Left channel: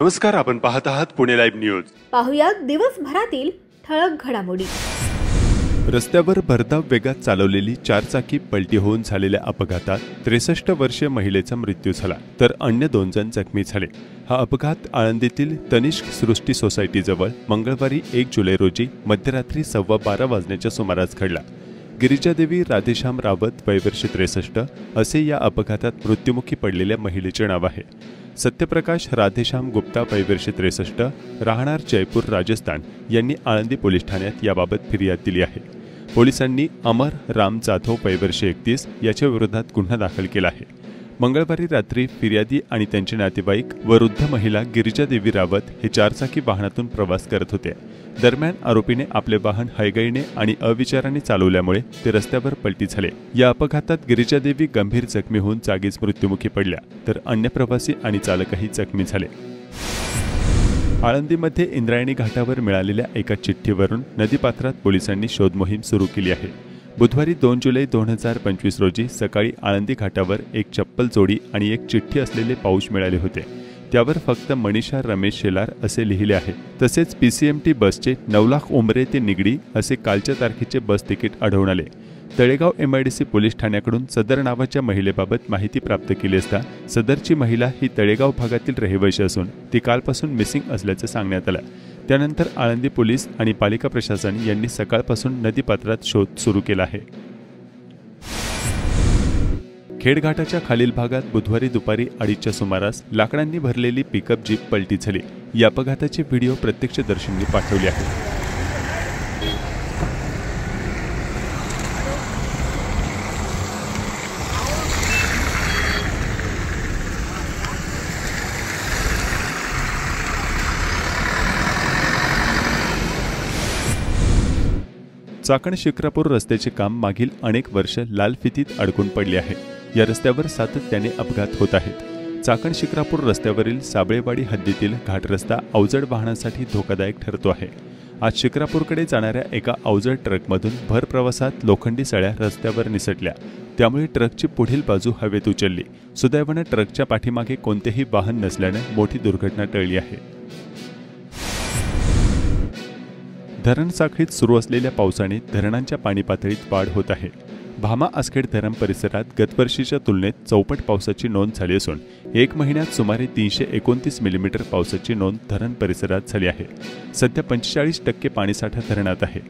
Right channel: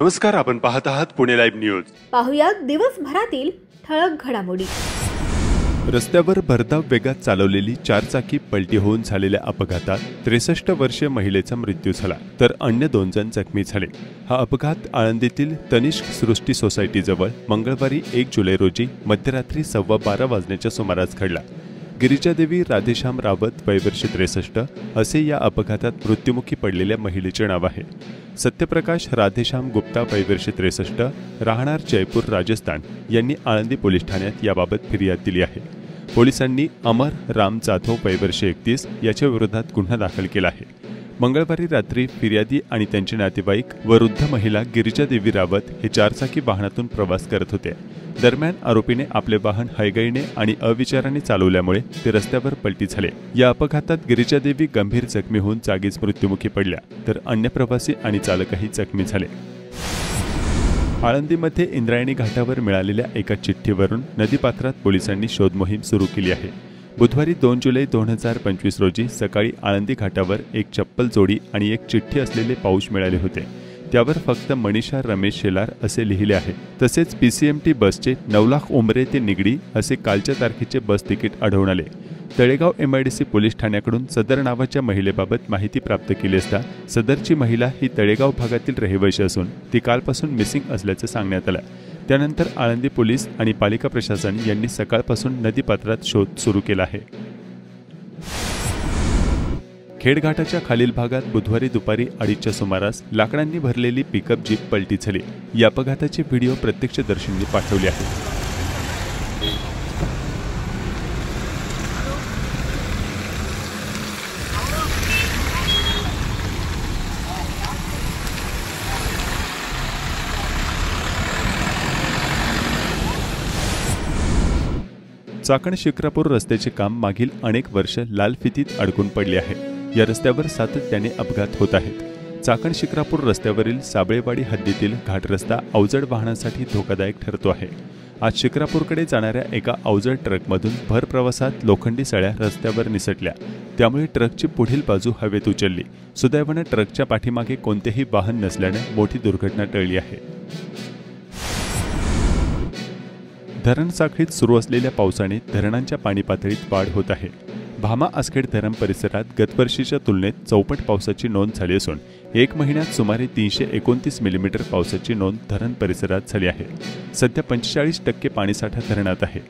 नमस्कार, आपण पाहत आहात पुणे लाईव्ह न्यूज। पाहुयात दिवसभरातील ठळक घडामोडी। रस्त्यावर भरधाव वेगात चालवलेली चारचाकी पलटी होऊन झालेल्या अपघातात 63 वर्षीय महिलेचा मृत्यू झाला, तर अन्य 2 जण जखमी झाले। हा अपघात आळंदीतील तनिष्क सृष्टी सोसायटीजवळ मंगळवारी 1 जुलै रोजी मध्यरात्री 12:15 वाजण्याच्या सुमारास घडला। गिरिजादेवी राधेश्याम रावत वय वर्ष 63 असे या अपघातात मृत्युमुखी पडलेल्या महिलेचे नाव आहे। सत्यप्रकाश राधेश्याम गुप्ता वय वर्ष 63 राहणार जयपूर राजस्थान यांनी आळंदी पोलीस ठाण्यात याबाबत फिर्याद दिली आहे। पोलिसांनी अमर राम जाधव वय वर्ष 31 याच्या विरोधात गुन्हा दाखल केला आहे। मंगळवारी रात्री फिर्यादी आणि त्यांचे नातेवाईक व वृद्ध महिला गिरिजादेवी रावत हे चारचाकी वाहनातून प्रवास करत होते। दरम्यान आरोपीने आपले वाहन हयगईने आणि अविचाराने चालवल्यामुळे ते रस्त्यावर पलटी झाले। या अपघातात गिरिजादेवी गंभीर जखमी होऊन जागीच मृत्युमुखी पडल्या, तर अन्य प्रवासी आणि चालकही जखमी झाले। आळंदीमध्ये इंद्रायणी घाटावर मिळालेल्या एका चिठ्ठीवरून नदीपात्रात पोलिसांनी शोध मोहीम सुरू केली आहे। बुधवारी 2 जुलै 2025 रोजी सकाळी आळंदी घाटावर एक चप्पल जोडी आणि एक चिठ्ठी असलेले पाऊच मिळाले होते। त्यावर फक्त मनीषा रमेश शेलार असे लिहिले आहे। तसेच PCMT बसचे 9 लाख उमरे ते निगडी असे कालच्या तारखेचे बस तिकीट आढळून आले। तळेगाव MIDC पोलीस ठाण्याकडून सदर नावाच्या महिलेबाबत माहिती प्राप्त केली असता सदरची महिला ही तळेगाव भागातील रहिवासी असून ती कालपासून मिसिंग असल्याचे सांगण्यात आले। त्यानंतर आळंदी पोलीस आणि पालिका प्रशासन यांनी सकाळपासून नदीपात्रात शोध सुरू केला आहे। खेडघाटाच्या खालील भागात बुधवारी दुपारी 2:30च्या सुमारास लाकडांनी भरलेली पिकअप जीप पलटी झाली। या अपघाताचे व्हिडिओ प्रत्यक्षदर्शींनी पाठवले आहेत। चाकण शिक्रापूर रस्त्याचे काम मागील अनेक वर्ष लाल फितीत अडकून पडले आहे। या रस्त्यावर सातत्याने अपघात होत आहेत। चाकण शिक्रापूर रस्त्यावरील साबळेवाडी हद्दीतील घाट रस्ता अवजड वाहनांसाठी धोकादायक ठरतो आहे। आज शिक्रापूरकडे जाणाऱ्या एका अवजड ट्रकमधून भर प्रवासात लोखंडी सळ्या रस्त्यावर निसटल्या, त्यामुळे ट्रकची पुढील बाजू हवेत उचलली। सुदैवाने ट्रकच्या पाठीमागे कोणतेही वाहन नसल्याने मोठी दुर्घटना टळली आहे। धरण साखळीत सुरू असलेल्या पावसाने धरणांच्या पाणी पातळीत वाढ होत आहे। भामा आसखेड धरण परिसरात गतवर्षीच्या तुलनेत चौपट पावसाची नोंद झाली असून 1 महिन्यात सुमारे 329 मिलीमीटर पावसाची नोंद धरण परिसरात झाली आहे। सध्या 45% पाणीसाठा धरणात आहे।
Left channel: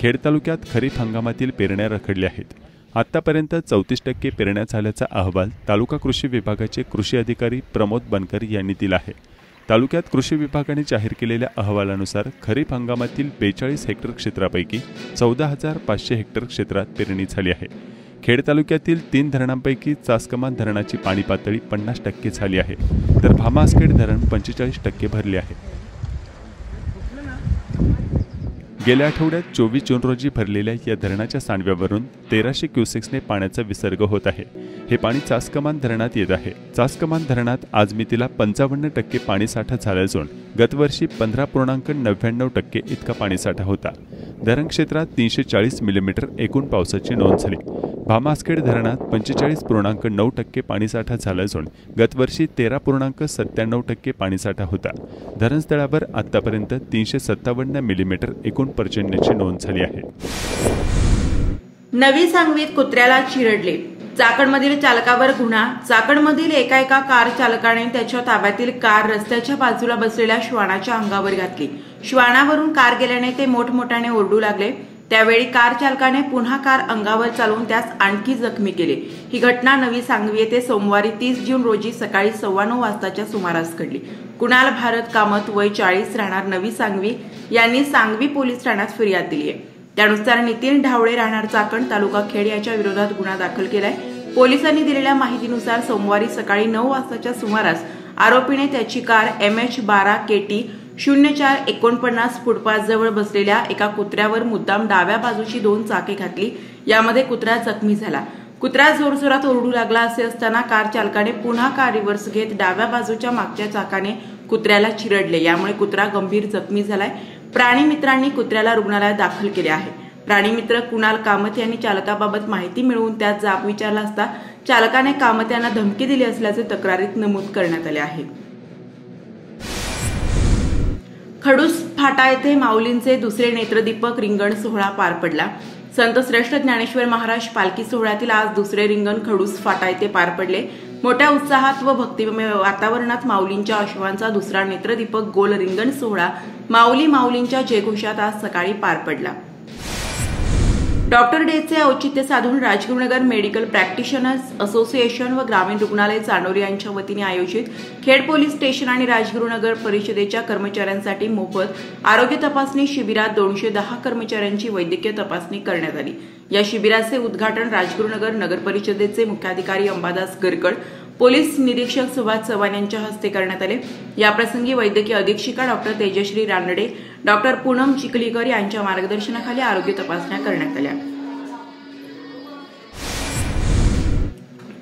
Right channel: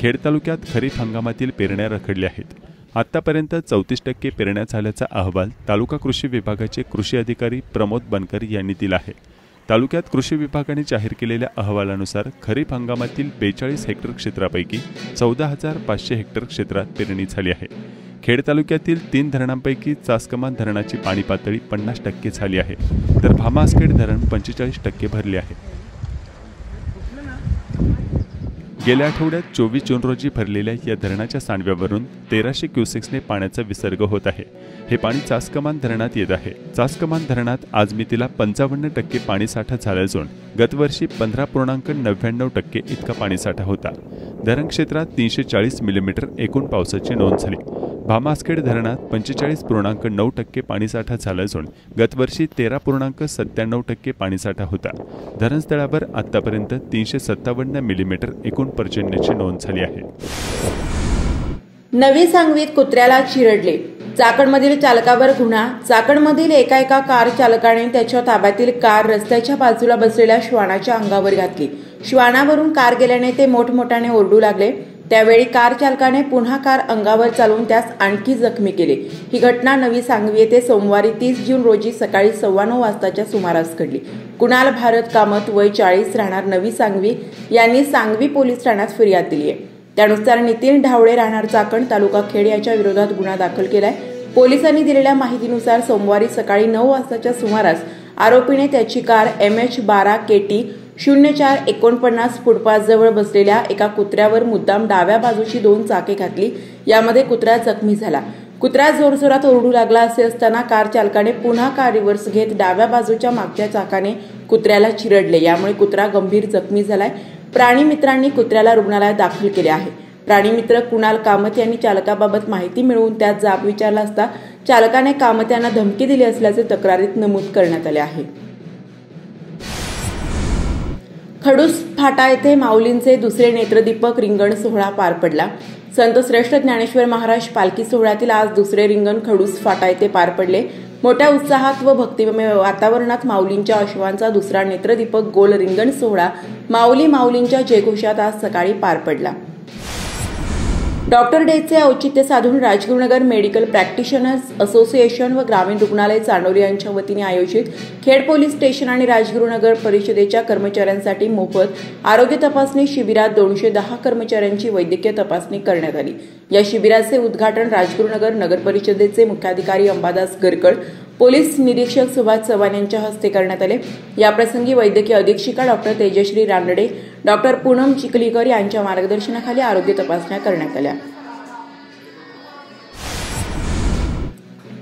खेड तालुक्यात खरीप हंगामातील पेरण्या रखडल्या आहेत। आतापर्यंत 34% पेरण्या झाल्याचा अहवाल तालुका कृषी विभागाचे कृषी अधिकारी प्रमोद बनकर यांनी दिला आहे। तालुक्यात कृषी विभागाने जाहीर केलेल्या अहवालानुसार खरीप हंगामातील 42 हेक्टर क्षेत्रापैकी 14,500 हेक्टर क्षेत्रात पेरणी झाली आहे। खेड तालुक्यातील 3 धरणांपैकी चासकमान धरणाची पाणी पातळी 50% झाली आहे, तर भामा आसखेड धरण 45% भरले आहे। गेल्या आठवड्यात 24 जून रोजी भरलेल्या या धरणाच्या सांडव्यावरून 1300 क्युसेक्सने पाण्याचा विसर्ग होत आहे। हे पाणी चासकमान धरणात येत आहे। चासकमान धरणात आज मितीला 55% पाणीसाठा झाला असून गतवर्षी 15.99% इतका पाणीसाठा होता। धरण क्षेत्रात 340 मिलीमीटर एकूण पावसाची नोंद झाली। भामा आसखेड धरणात 45.9% पाणीसाठा झाला असून गतवर्षी 13.97% पाणीसाठा होता। धरणस्थळावर आतापर्यंत 357 मिलीमीटर एकूण पर्जन्याची नोंद झाली आहे। नवी सांगवीत कुत्र्याला चिरडले, चाकणमधील चालकावर गुन्हा। चाकणमधील एका कार चालकाने त्याच्या ताब्यातील कार रस्त्याच्या बाजूला बसलेल्या श्वानाच्या अंगावर घातली। श्वानावरून कार गेल्याने ते मोठमोठ्याने ओरडू लागले। त्यावेळी कार चालकाने पुन्हा कार अंगावर चालवून त्यास आणखी जखमी केले। ही घटना नवी सांगवी येथे सोमवारी 30 जून रोजी सकाळी 9:15 वाजताच्या सुमारास घडली। कुणाल भारत कामत वय 40 राहणार नवी सांगवी यांनी सांगवी पोलीस ठाण्यात फिर्याद दिली आहे। त्यानुसार नितीन ढावळे राहणार चाकण तालुका खेड याच्या विरोधात गुन्हा दाखल केलाय। पोलिसांनी दिलेल्या माहितीनुसार सोमवारी सकाळी 9 वाजताच्या सुमारास आरोपीने त्याची कार MH12 KT 0449 फुटपाथजवळ बसलेल्या एका कुत्र्यावर मुद्दाम डाव्या बाजूची 2 चाके घातली। यामध्ये कुत्रा जखमी झाला। कुत्रा जोरजोरात ओरडू लागला असे असताना कार चालकाने पुन्हा कार रिव्हर्स घेत डाव्या बाजूच्या मागच्या चाकाने कुत्र्याला चिरडले। यामुळे कुत्रा गंभीर जखमी झालाय। प्राणी मित्रांनी कुत्र्याला रुग्णालयात दाखल केले आहे। प्राणीमित्र कुणाल कामत यांनी चालकाबाबत माहिती मिळवून त्यात जाब विचारला असता चालकाने कामत यांना धमकी दिली असल्याचे तक्रारीत नमूद करण्यात आले आहे। खडूस फाटा येथे माऊलींचे दुसरे नेत्रदीपक रिंगण सोहळा पार पडला. संत श्रेष्ठ ज्ञानेश्वर महाराज पालखी सोहळ्यातील आज दुसरे रिंगण खडूस फाटा येथे पार पडले. मोठ्या उत्साहात व भक्तिमय वातावरणात माऊलींच्या अश्वांचा दुसरा नेत्रदीपक गोल रिंगण सोहळा माऊलींच्या जयघोषात आज सकाळी पार पडला. डॉक्टर डेचे औचित्य साधून राजगुरुनगर मेडिकल प्रॅक्टिशनर्स असोसिएशन व ग्रामीण रुग्णालय चांडोरी यांच्या वतीने आयोजित खेड पोलीस स्टेशन आणि राजगुरुनगर परिषदेच्या कर्मचाऱ्यांसाठी मोफत आरोग्य तपासणी शिबिरात 210 कर्मचाऱ्यांची वैद्यकीय तपासणी करण्यात आली. या शिबिराचे उद्घाटन राजगुरुनगर नगर परिषदेचे मुख्याधिकारी अंबादास गरकड, पोलीस निरीक्षक सुभाष चव्हाण यांच्या हस्ते करण्यात आले. याप्रसंगी वैद्यकीय अधीक्षिका डॉक्टर तेजश्री रानडे, डॉक्टर पूनम चिखलीकर यांच्या मार्गदर्शनाखाली आरोग्य तपासण्या करण्यात आल्या.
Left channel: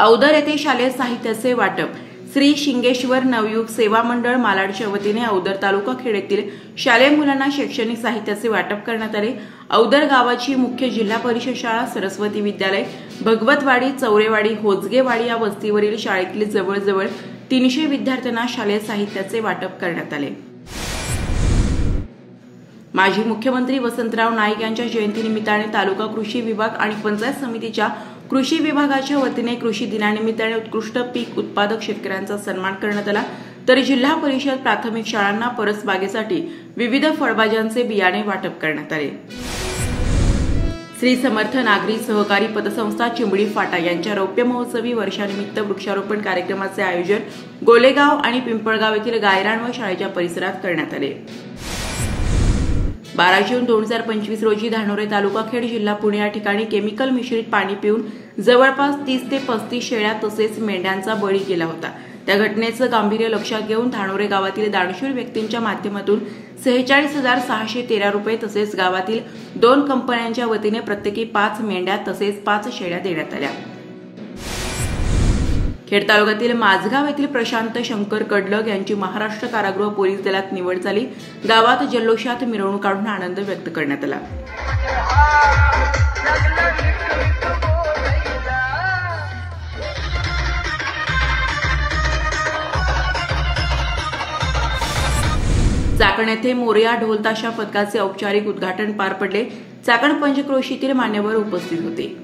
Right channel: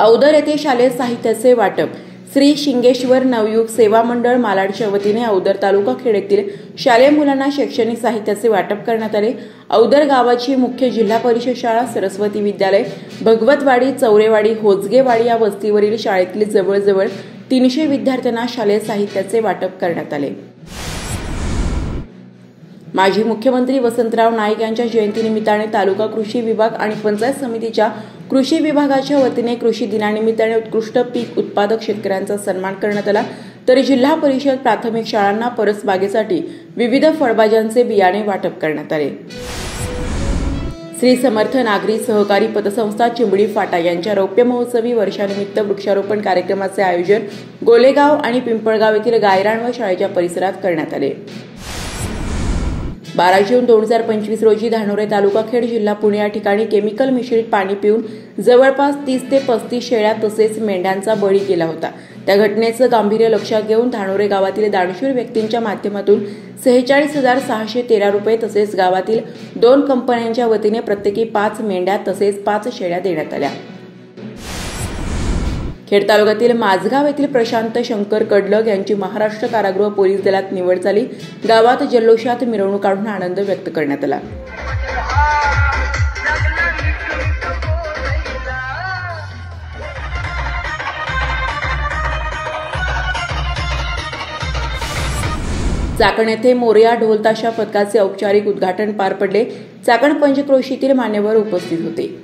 औदर येथे शालेय साहित्याचे वाटप. श्री शिंगेश्वर नवयुग सेवा मंडळ मालाडच्या वतीने औदर तालुका खेड येथील शालेय मुलांना शैक्षणिक साहित्याचे वाटप करण्यात आले. औदर गावाची मुख्य जिल्हा परिषद शाळा, सरस्वती विद्यालय, भगवतवाडी, चौरेवाडी, होजगेवाडी या वस्तीवरील शाळेतील जवळजवळ 300 विद्यार्थ्यांना शालेय साहित्याचे वाटप करण्यात आले. माजी मुख्यमंत्री वसंतराव नाईक यांच्या जयंतीनिमित्ताने तालुका कृषी विभाग आणि पंचायत समितीच्या कृषी विभागाच्या वतीने कृषी दिनानिमित्ताने उत्कृष्ट पीक उत्पादक शेतकऱ्यांचा सन्मान करण्यात आला. तर जिल्हा परिषद प्राथमिक शाळांना परसबागेसाठी विविध फळभाज्यांचे बियाणे वाटप करण्यात आले. श्री समर्थ नागरी सहकारी पतसंस्था चिंबडी फाटा यांच्या रौप्य महोत्सवी वर्षानिमित्त वृक्षारोपण कार्यक्रमाचे आयोजन गोलेगाव आणि पिंपळगाव येथील गायरान व शाळेच्या परिसरात करण्यात आले. 12 जून 2025 रोजी धानोरे तालुका खेड जिल्हा पुणे या ठिकाणी केमिकल मिश्रित पाणी पिऊन जवळपास 30 ते 35 शेळ्या तसेच मेंढ्यांचा बळी गेला होता. त्या घटनेचं गांभीर्य लक्षात घेऊन धानोरे गावातील दानशूर व्यक्तींच्या माध्यमातून 46,613 रुपये तसेच गावातील 2 कंपन्यांच्या वतीने प्रत्येकी 5 मेंढ्या तसेच 5 शेळ्या देण्यात आल्या. खेड तालुक्यातील माझगाव येथील प्रशांत शंकर कडलग यांची महाराष्ट्र कारागृह पोलीस दलात निवड झाली. गावात जल्लोषात मिरवणूक काढून आनंद व्यक्त करण्यात आला. चाकण येथे मोरया ढोल ताशा पथकाचे औपचारिक उद्घाटन पार पडले. चाकण पंचक्रोशीतील मान्यवर उपस्थित होते.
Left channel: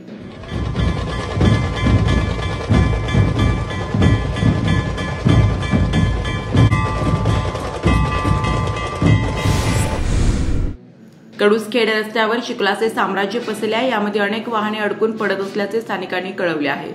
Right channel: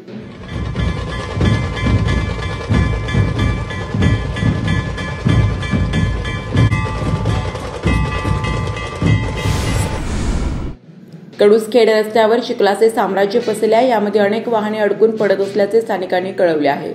कडूसखेड रस्त्यावर चिखलाचे साम्राज्य पसरले आहे. यामध्ये अनेक वाहने अडकून पडत असल्याचे स्थानिकांनी कळवले आहे.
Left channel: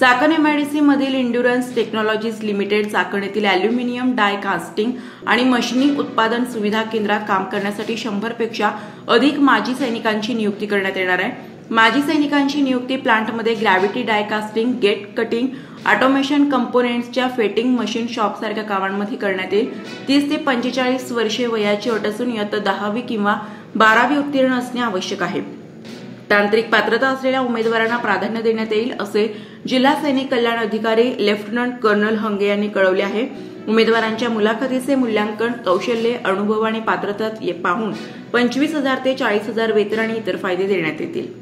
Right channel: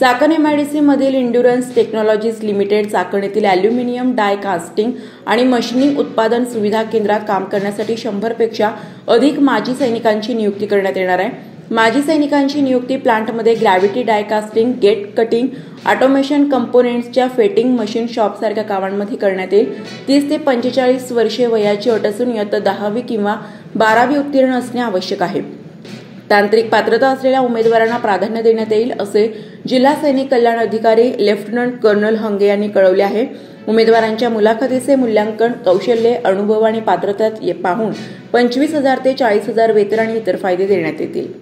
चाकण एमआयडीसी मधील इंड्युरन्स टेक्नॉलॉजीज लिमिटेड चाकण येथील अॅल्युमिनियम डाय कास्टिंग आणि मशिनिंग उत्पादन सुविधा केंद्रात काम करण्यासाठी 100 पेक्षा अधिक माजी सैनिकांची नियुक्ती करण्यात येणार आहे. माजी सैनिकांची नियुक्ती प्लांटमध्ये gravity die casting, gate cutting, automation कंपोनेंट्सच्या फेटिंग मशीन शॉप सारख्या कामांमध्ये करण्यात येईल. 30 ते 45 वर्षे वयाची अट असून इयत्ता 10वी किंवा 12वी उत्तीर्ण असणे आवश्यक आहे. तांत्रिक पात्रता असलेल्या उमेदवारांना प्राधान्य देण्यात येईल असे जिल्हा सैनिक कल्याण अधिकारी लेफ्टनंट कर्नल हंगे यांनी कळवले आहे. उमेदवारांच्या मुलाखतीचे मूल्यांकन, कौशल्य, अनुभव आणि पात्रता पाहून 25,000 ते 40,000 वेतन आणि इतर फायदे देण्यात येतील.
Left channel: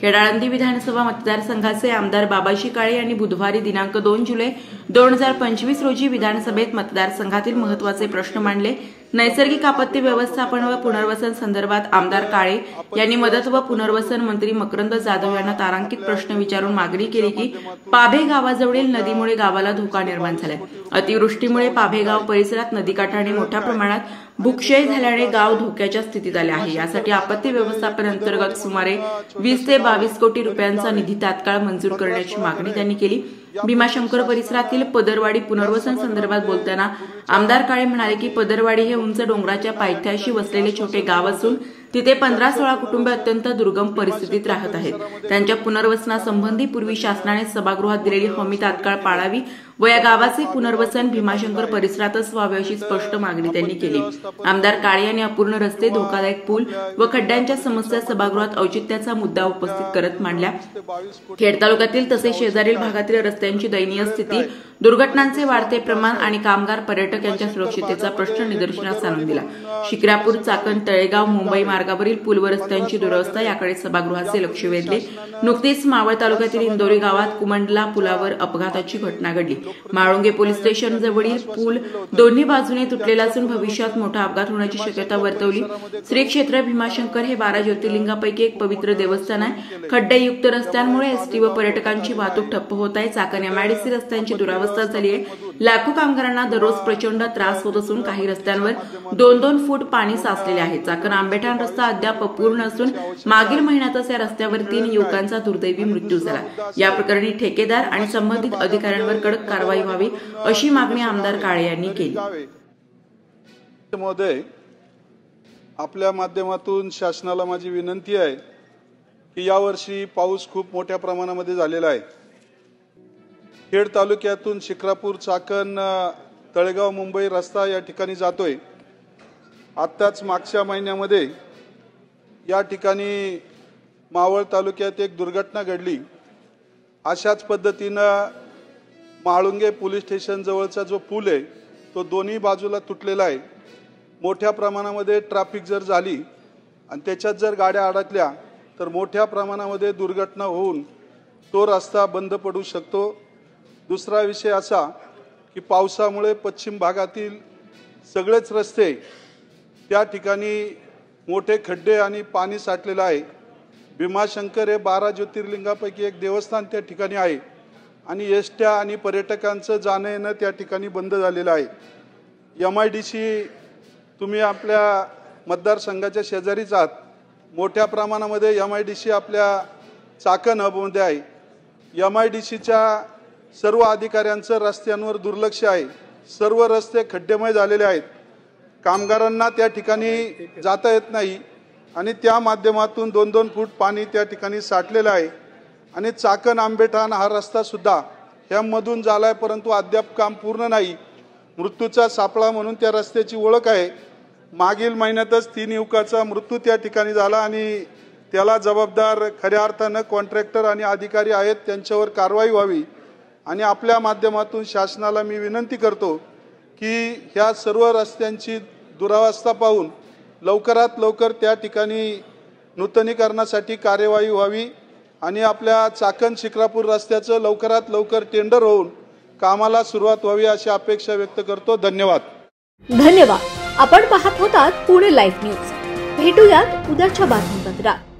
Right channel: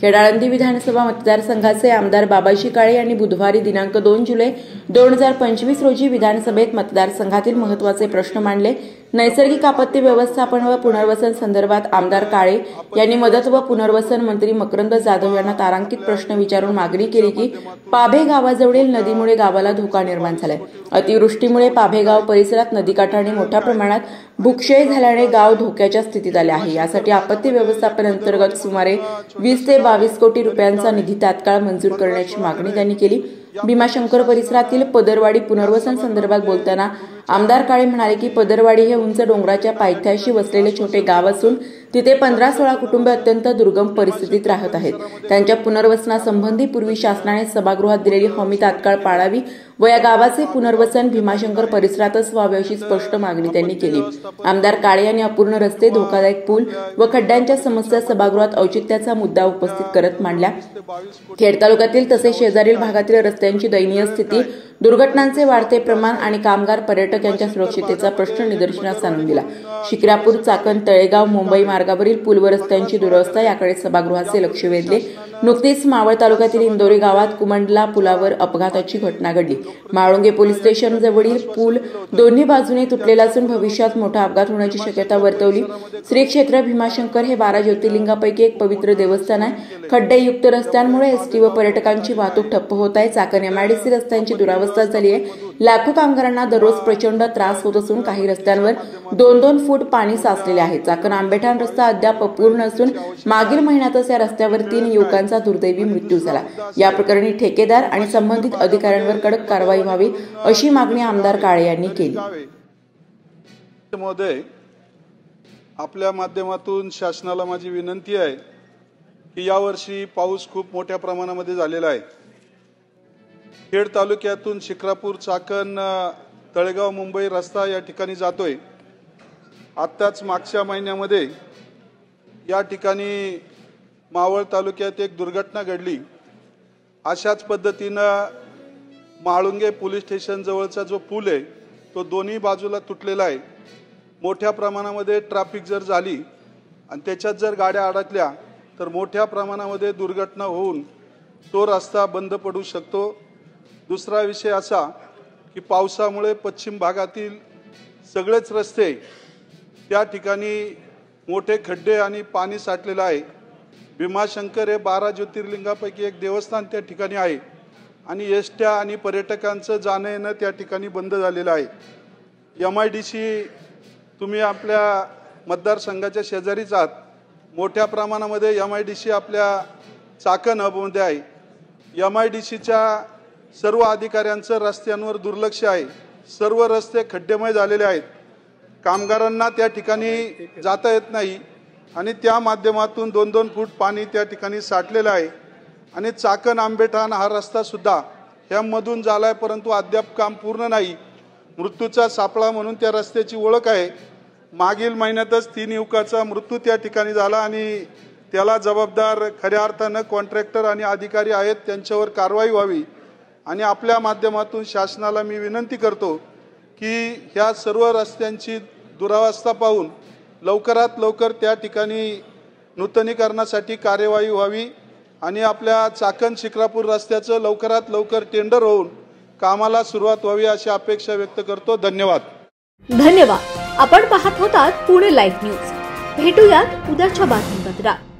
खेड आळंदी विधानसभा मतदारसंघाचे आमदार बाबाजी काळे यांनी बुधवारी दिनांक 2 जुलै 2025 रोजी विधानसभेत मतदारसंघातील महत्त्वाचे प्रश्न मांडले. नैसर्गिक आपत्ती व्यवस्थापन व पुनर्वसन संदर्भात आमदार काळे यांनी मदत व पुनर्वसन मंत्री मकरंद जाधव यांना तारांकित प्रश्न विचारून मागणी केली की पाभे गावाजवळील नदीमुळे गावाला धोका निर्माण झालाय. अतिवृष्टीमुळे पाभे गाव परिसरात नदीकाठाने मोठ्या प्रमाणात भूक्षय झाल्याने गाव धोक्याच्या स्थितीत आले आहे. यासाठी आपत्ती व्यवस्थापन अंतर्गत सुमारे 20 ते 22 कोटी रुपयांचा निधी तात्काळ मंजूर करण्याची मागणी त्यांनी केली. भीमाशंकर परिसरातील पदरवाडी पुनर्वसन संदर्भात बोलताना आमदार काळे म्हणाले की पदरवाडी हे उंच डोंगराच्या पायथ्याशी वसलेले छोटे गाव असून तिथे 15-16 कुटुंबे अत्यंत दुर्गम परिस्थितीत राहत आहेत. त्यांच्या पुनर्वसनासंबंधी पूर्वी शासनाने सभागृहात दिलेली हमी तात्काळ पाळावी व या गावाचे पुनर्वसन भीमाशंकर परिसरातच व्हावे अशी स्पष्ट मागणी त्यांनी केली। आमदार काळे यांनी अपूर्ण रस्ते, धोकादायक पूल व खड्ड्यांच्या समस्या सभागृहात औचित्याचा मुद्दा उपस्थित करत मांडल्या। खेड तालुक्यातील तसेच शेजारील भागातील रस्त्यांची दयनीय स्थिती, दुर्घटनांचे वाढते प्रमाण आणि कामगार पर्यटक यांच्या सुरक्षिततेचा प्रश्न निदर्शनास आणून दिला। शिक्रापूर, चाकण, तळेगाव, मुंबई मार्गावरील पूल व रस्त्यांची दुरवस्था याकडे सभागृहाचे लक्ष वेधले। नुकतीच मावळ तालुक्यातील इंदोरी गावात कुमंडला पुलावर अपघाताची घटना घडली। माळुंगे पोलीस स्टेशन जवळील पूल दोन्ही बाजूने तुटलेला असून भविष्यात मोठा अपघात होण्याची शक्यता वर्तवली। श्री क्षेत्र भीमाशंकर हे 12 ज्योतिर्लिंगापैकी एक पवित्र देवस्थान आहे। खड्डेयुक्त रस्त्यांमुळे एसटी व पर्यटकांची वाहतूक ठप्प होत आहे। चाकण एमआयडीसी रस्त्यांची दुरावस्था झाली आहे। लाखो कामगारांना दररोज प्रचंड त्रास होत असून काही रस्त्यांवर 2-2 फूट पाणी साचलेले आहे। चाकण आंबेठाण रस्ता अद्याप अपूर्ण असून मागील महिन्यातच या रस्त्यावर 3 युवकांचा दुर्दैवी मृत्यू झाला। या प्रकरणी ठेकेदार आणि संबंधित अधिकाऱ्यांवर कडक कारवाई व्हावी अशी मागणी आमदार काळे यांनी केली। महोदय, आपल्या माध्यमातून शासनाला माझी विनंती आहे की यावर्षी पाऊस खूप मोठ्या प्रमाणामध्ये झालेला आहे। खेड तालुक्यातून शिक्रापूर, चाकण, तळेगाव, मुंबई रस्ता या ठिकाणी जातोय। आत्ताच मागच्या महिन्यामध्ये या ठिकाणी मावळ तालुक्यात एक दुर्घटना घडली। अशाच पद्धतीनं माळुंगे पोलीस स्टेशन जवळचा जो पूल आहे तो दोन्ही बाजूला तुटलेला आहे। मोठ्या प्रमाणामध्ये ट्रॅफिक जर झाली आणि त्याच्यात जर गाड्या अडकल्या तर मोठ्या प्रमाणामध्ये दुर्घटना होऊन तो रस्ता बंद पडू शकतो। दुसरा विषय असा की पावसामुळे पश्चिम भागातील सगळेच रस्ते त्या ठिकाणी मोठे खड्डे आणि पाणी साठलेलं आहे। भीमाशंकर हे 12 ज्योतिर्लिंगापैकी एक देवस्थान त्या ठिकाणी आहे आणि एसट्या आणि पर्यटकांचं जाणं येणं त्या ठिकाणी बंद झालेलं आहे। एमआयडीसी तुम्ही आपल्या मतदारसंघाच्या शेजारीच आहात। मोठ्या प्रमाणामध्ये एमआयडीसी आपल्या चाकण हबमध्ये आहे। एमआयडीसीच्या सर्व अधिकाऱ्यांचं रस्त्यांवर दुर्लक्ष आहे। सर्व रस्ते खड्डेमय झालेले आहेत। कामगारांना त्या ठिकाणी जाता येत नाही आणि त्या माध्यमातून 2-2 फूट पाणी त्या ठिकाणी साठलेलं आहे आणि चाकण आंबेठाण हा रस्ता सुद्धा ह्यामधून झालाय, परंतु अद्याप काम पूर्ण नाही। मृत्यूचा सापळा म्हणून त्या रस्त्याची ओळख आहे। मागील महिन्यातच 3 युवकाचा मृत्यू त्या ठिकाणी झाला आणि त्याला जबाबदार खऱ्या अर्थानं कॉन्ट्रॅक्टर आणि अधिकारी आहेत, त्यांच्यावर कारवाई व्हावी। आणि आपल्या माध्यमातून शासनाला मी विनंती करतो की ह्या सर्व रस्त्यांची दुरावस्था पाहून लवकरात लवकर त्या ठिकाणी नूतनीकरणासाठी कार्यवाही व्हावी आणि आपल्या चाकण शिक्रापूर रस्त्याचं लवकरात लवकर टेंडर होऊन कामाला सुरुवात व्हावी अशी अपेक्षा व्यक्त करतो। धन्यवाद। धन्यवाद। आपण पाहत होतात पुणे लाईव्ह न्यूज। भेटूयात उद्याच्या बातमीपत्रात।